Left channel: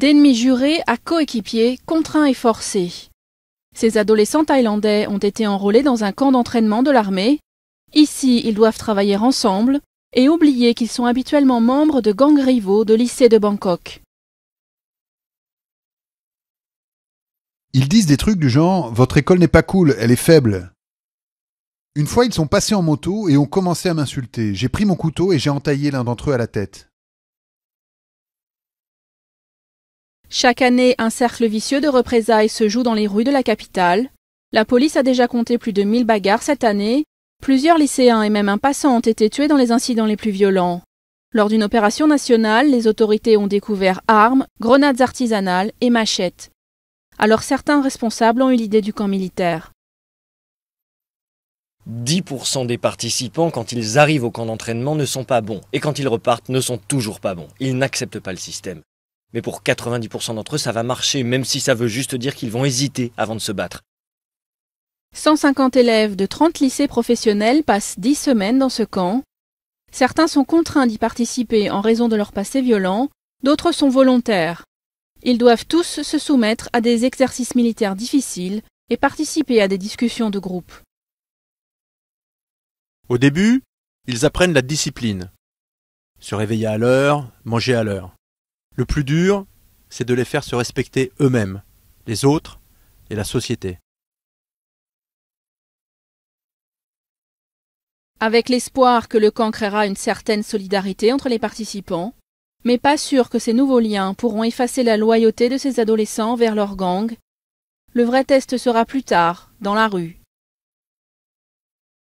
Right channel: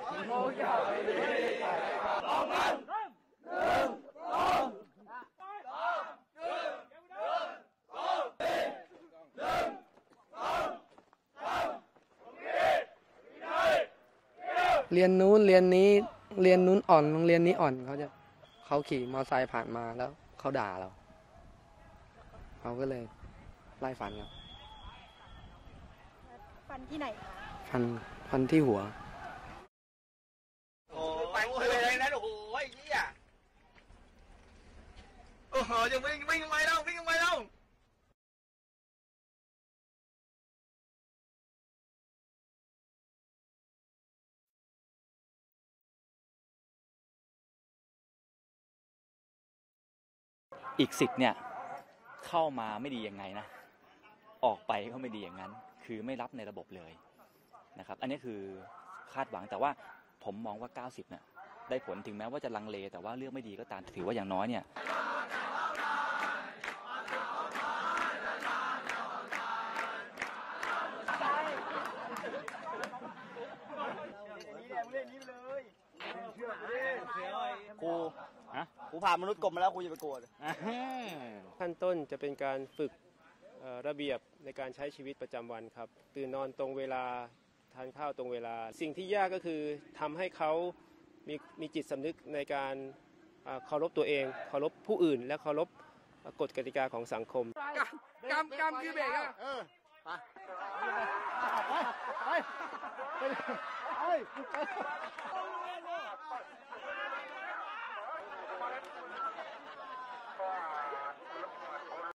D'ennemis jurés à coéquipiers, contraints et forcés. Ces adolescents thaïlandais ont été enrôlés dans un camp d'entraînement de l'armée. Ici, ils doivent travailler ensemble et oublier qu'ils sont habituellement membres de gangs rivaux de lycées de Bangkok. Ils disent des trucs du genre « Votre école n'est pas cool, elle est faible ». Une fois, ils sont passés en moto et ont commencé à m'insulter. J'ai pris mon couteau et j'ai entaillé l'un d'entre eux à la tête. Chaque année, un cercle vicieux de représailles se joue dans les rues de la capitale. La police a déjà compté plus de 1000 bagarres cette année. Plusieurs lycéens et même un passant ont été tués dans les incidents les plus violents. Lors d'une opération nationale, les autorités ont découvert armes, grenades artisanales et machettes. Alors certains responsables ont eu l'idée du camp militaire. 10% des participants, quand ils arrivent au camp d'entraînement, ne sont pas bons. Et quand ils repartent, ne sont toujours pas bons. Ils n'acceptent pas le système. Mais pour 90% d'entre eux, ça va marcher, même si ça veut juste dire qu'ils vont hésiter avant de se battre. 150 élèves de 30 lycées professionnels passent 10 semaines dans ce camp. Certains sont contraints d'y participer en raison de leur passé violent, d'autres sont volontaires. Ils doivent tous se soumettre à des exercices militaires difficiles et participer à des discussions de groupe. Au début, ils apprennent la discipline. Se réveiller à l'heure, manger à l'heure. Le plus dur, c'est de les faire se respecter eux-mêmes, les autres et la société. Avec l'espoir que le camp créera une certaine solidarité entre les participants, mais pas sûr que ces nouveaux liens pourront effacer la loyauté de ces adolescents vers leur gang. Le vrai test sera plus tard, dans la rue.